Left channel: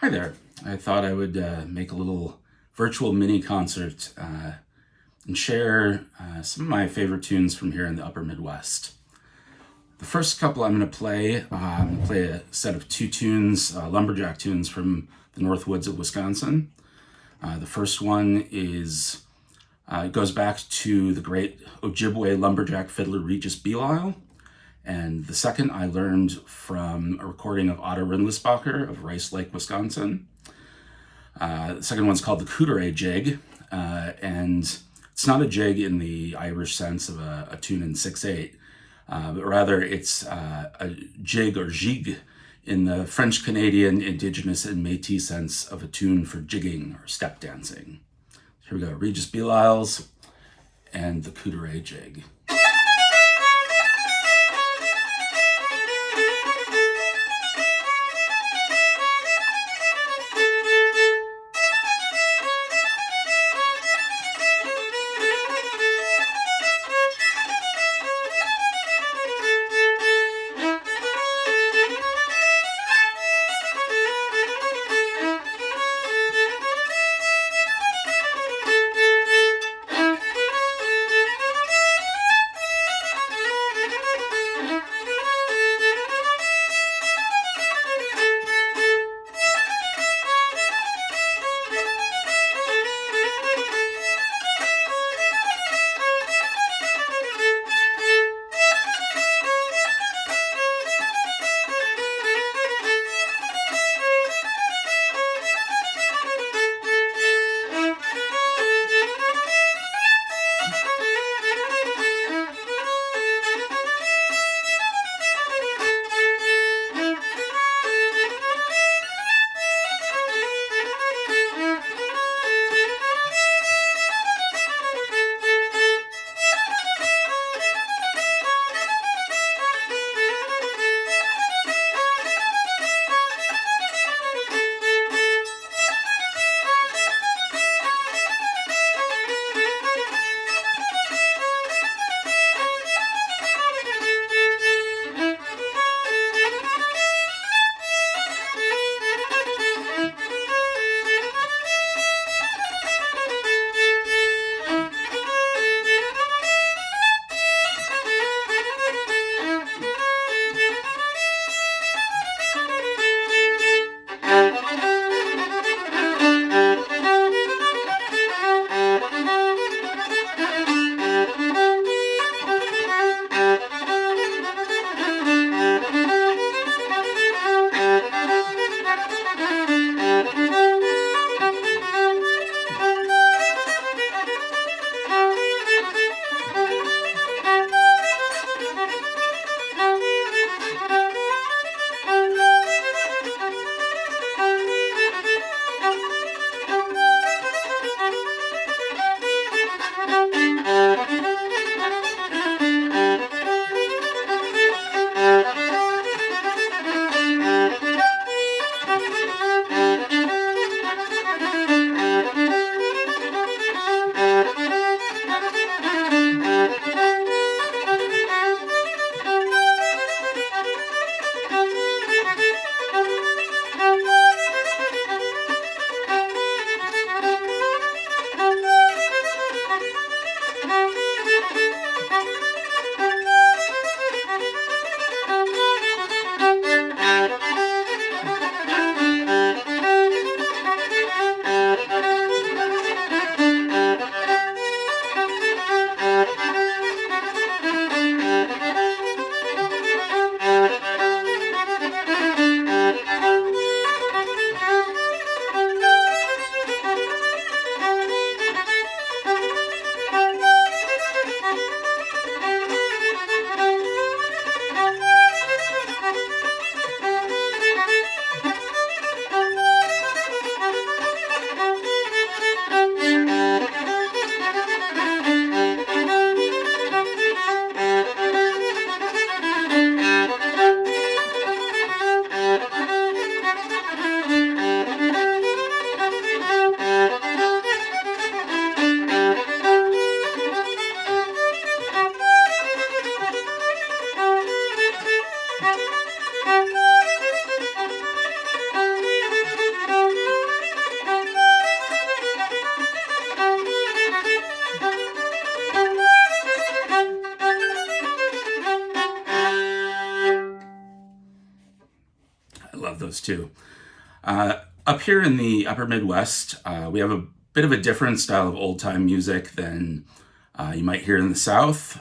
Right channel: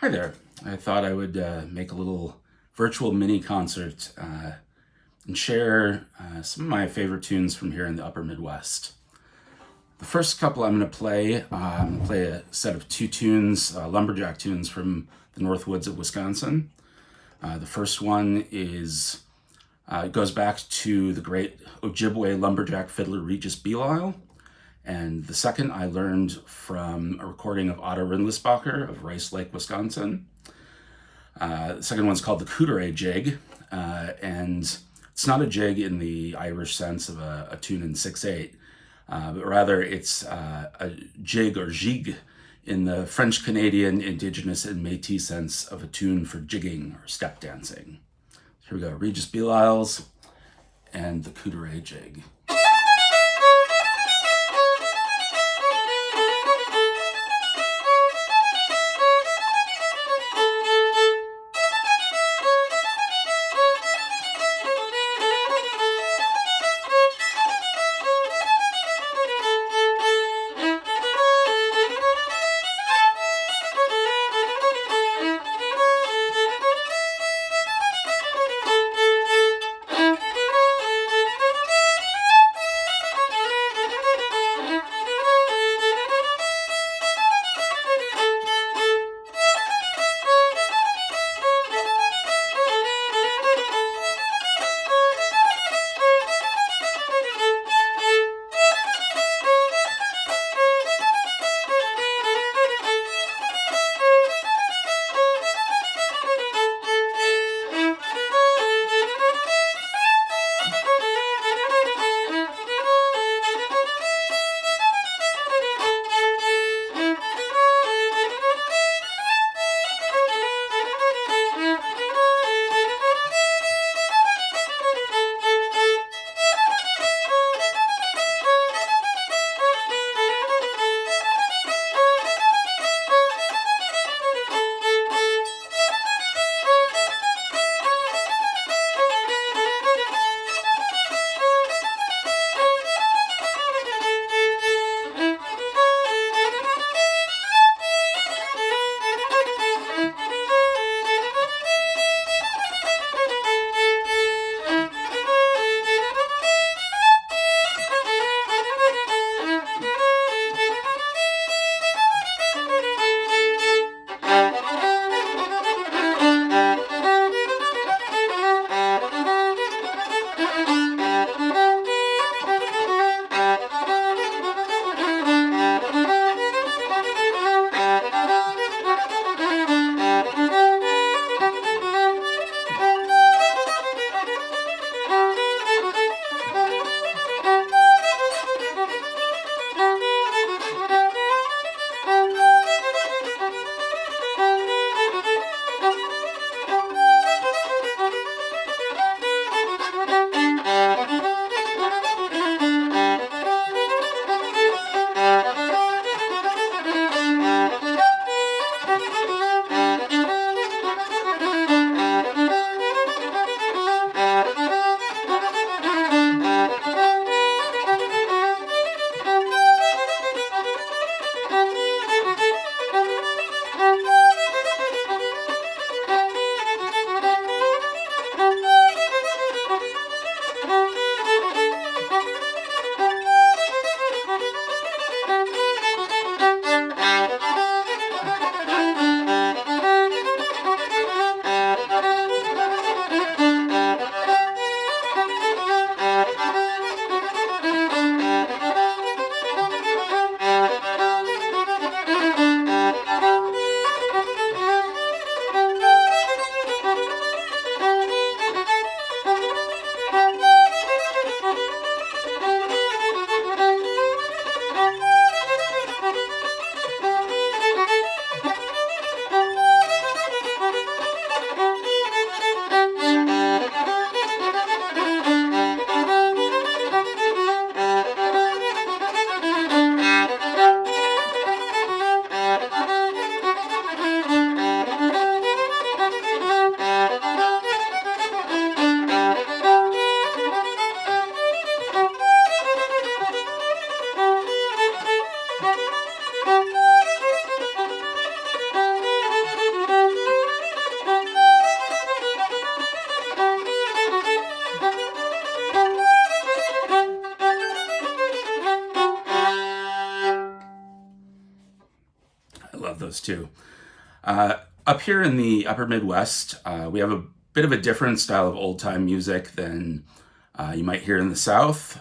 Hi there. I thought I would make a little virtual mini concert and share some of my favorite tunes from here in the Upper Midwest. The first couple I'm going to I'm going to play a set of two tunes, lumberjack tunes from the North Woods of Wisconsin. The first one it goes back to the great Ojibwe lumberjack fiddler Regis Belial. And the second I learned from a recording of Otto Rindlisbacher of Rice Lake, Wisconsin. The second one's called the Cooteray Jig, and it's not a jig in the Irish sense of a tune in 6/8, but rather it's a jig or jig in the French Canadian, Indigenous, and Métis sense of a tune for jigging or step dancing. Here we go, Regis Belial's and the Cooteray Jig. love those too. Up here in the Upper Midwest, we have a bit of a different style of old-time music than you might hear in the South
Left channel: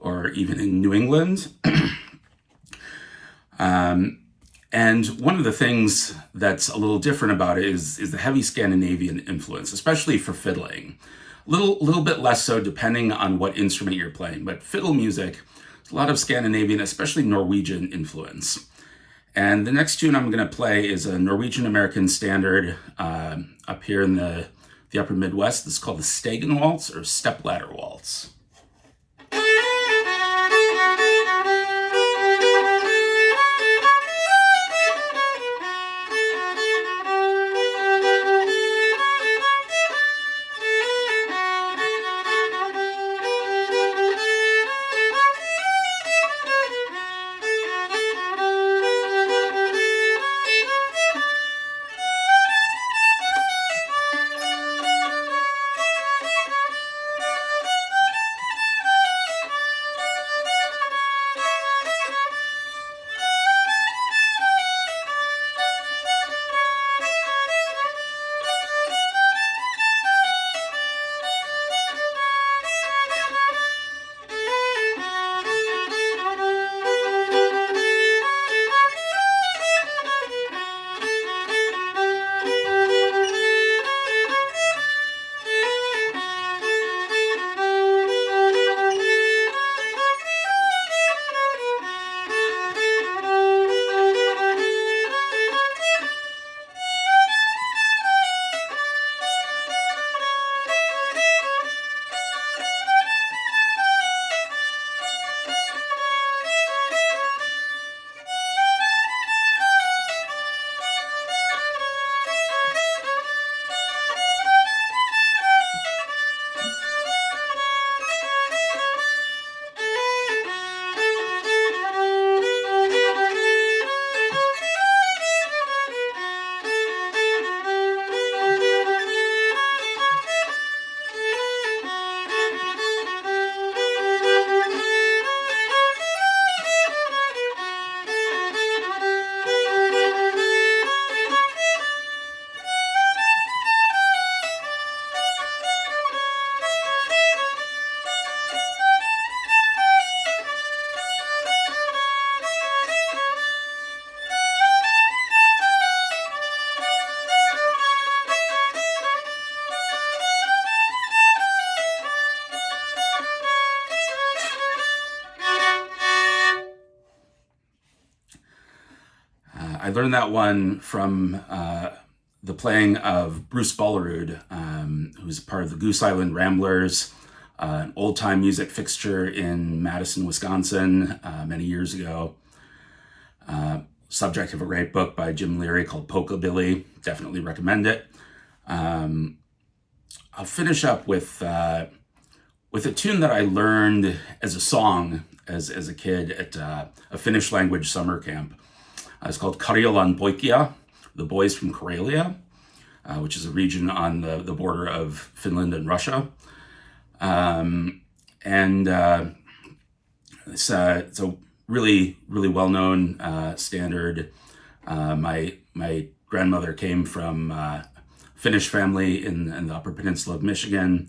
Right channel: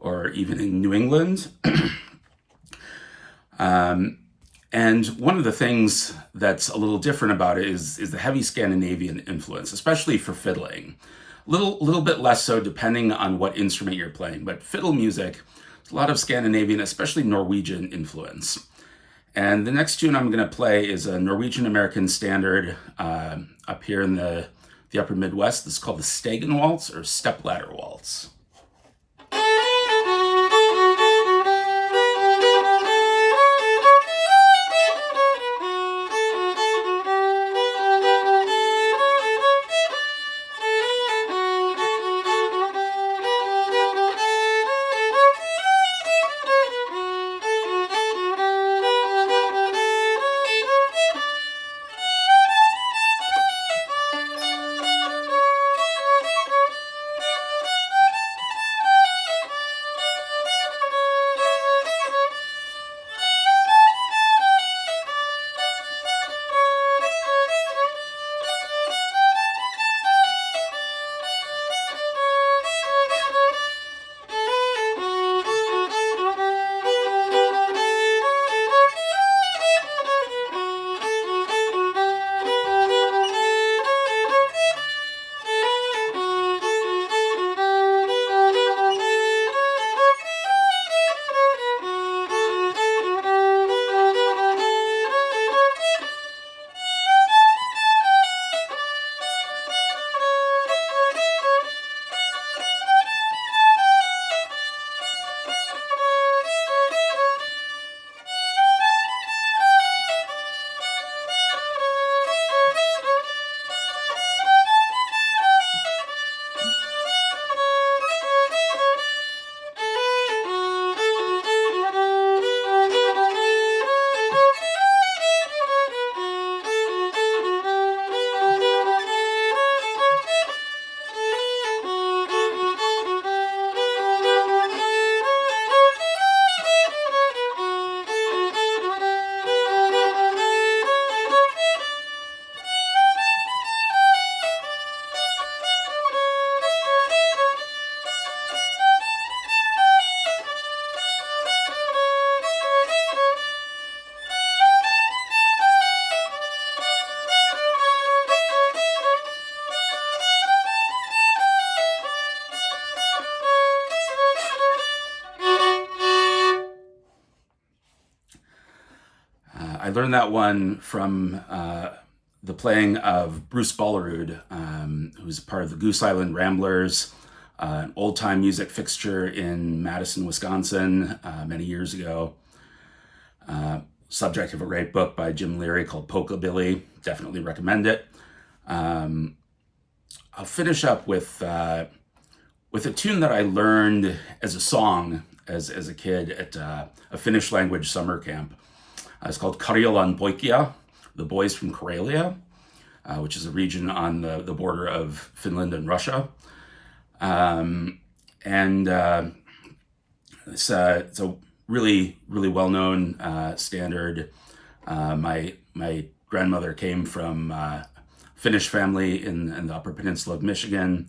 or even in New England. And one of the things that's a little different about it is the heavy Scandinavian influence, especially for fiddling. Little bit less so depending on what instrument you're playing, but fiddle music, a lot of Scandinavian, especially Norwegian influence. And the next tune I'm going to play is a Norwegian American standard up here in the Upper Midwest. This is called the Stegen Waltz or Stepladder Waltz. I learned that one from the playing of Bruce Bollerud, who's part of the Goose Island Ramblers, an old-time music fixture in Madison, Wisconsin, many years ago. Subject of a great book by Jim Leary called Polka-Billy. Definitely recommend it. I'll finish up with a tune that I learned as a song as a kid at a Finnish language summer camp. It's called Karjalan Poikia, the boys from Karelia, which is a region on the border of Finland and Russia. It's a really well-known standard. My grandmother came from a Finnish family in the Upper Peninsula of Michigan.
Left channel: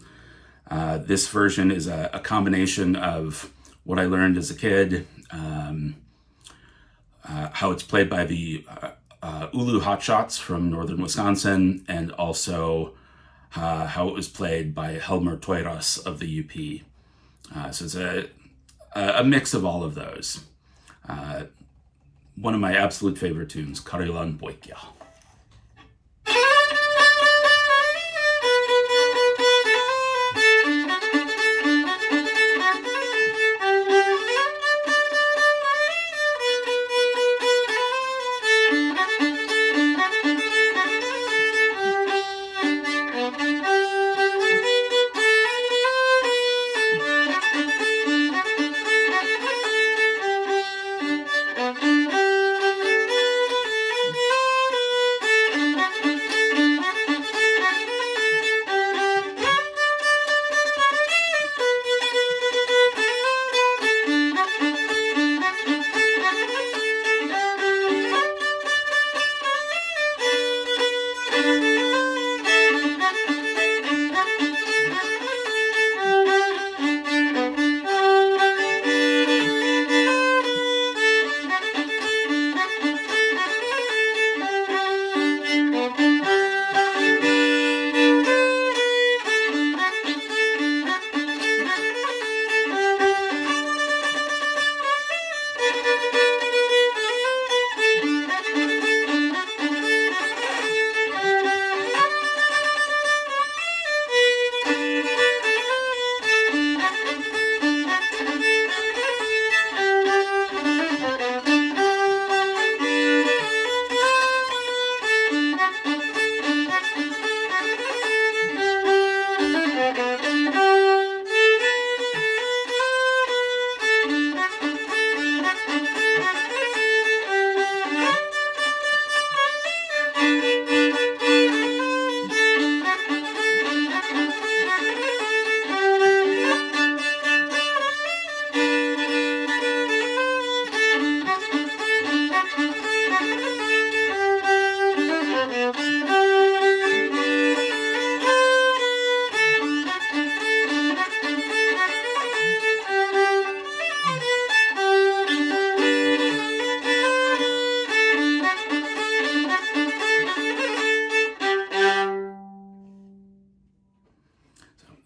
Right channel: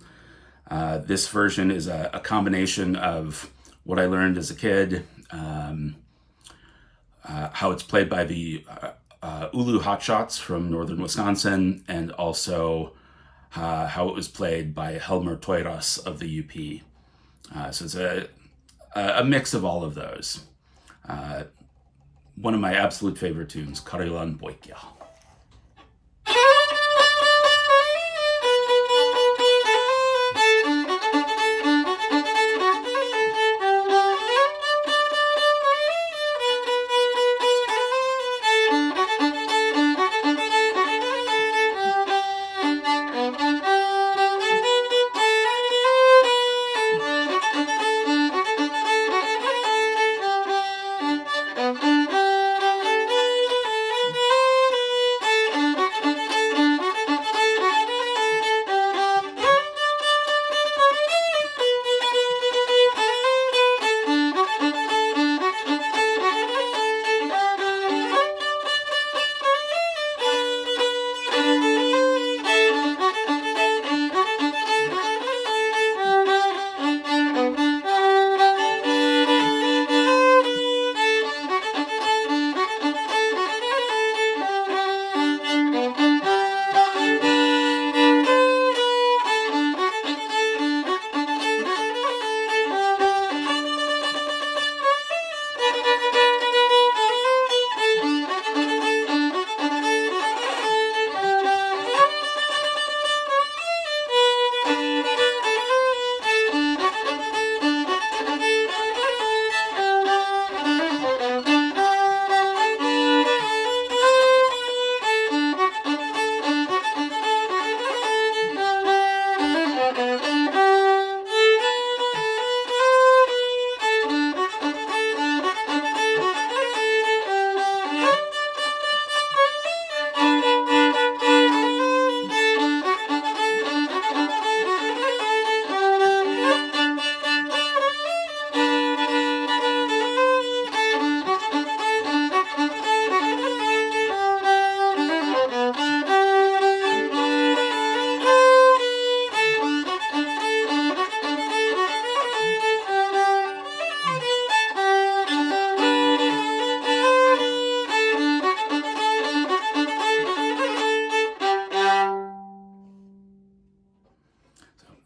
This version is a combination of what I learned as a kid, how it's played by the Ulu Hotshots from northern Wisconsin, and also how it was played by Helmer Toiras of the UP. So it's a mix of all of those. One of my absolute favorite tunes, Karjalan Poikia.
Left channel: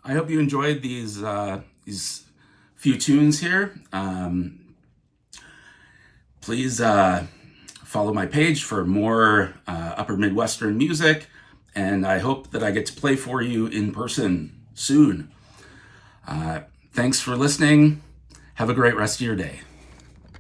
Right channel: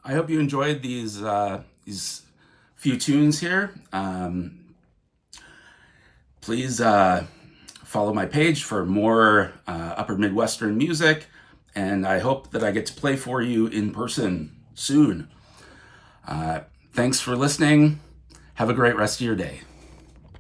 I hope you enjoyed these few tunes here. Please follow my page for more Upper Midwestern music, and I hope that I get to play for you in person soon. Thanks for listening. Have a great rest of your day.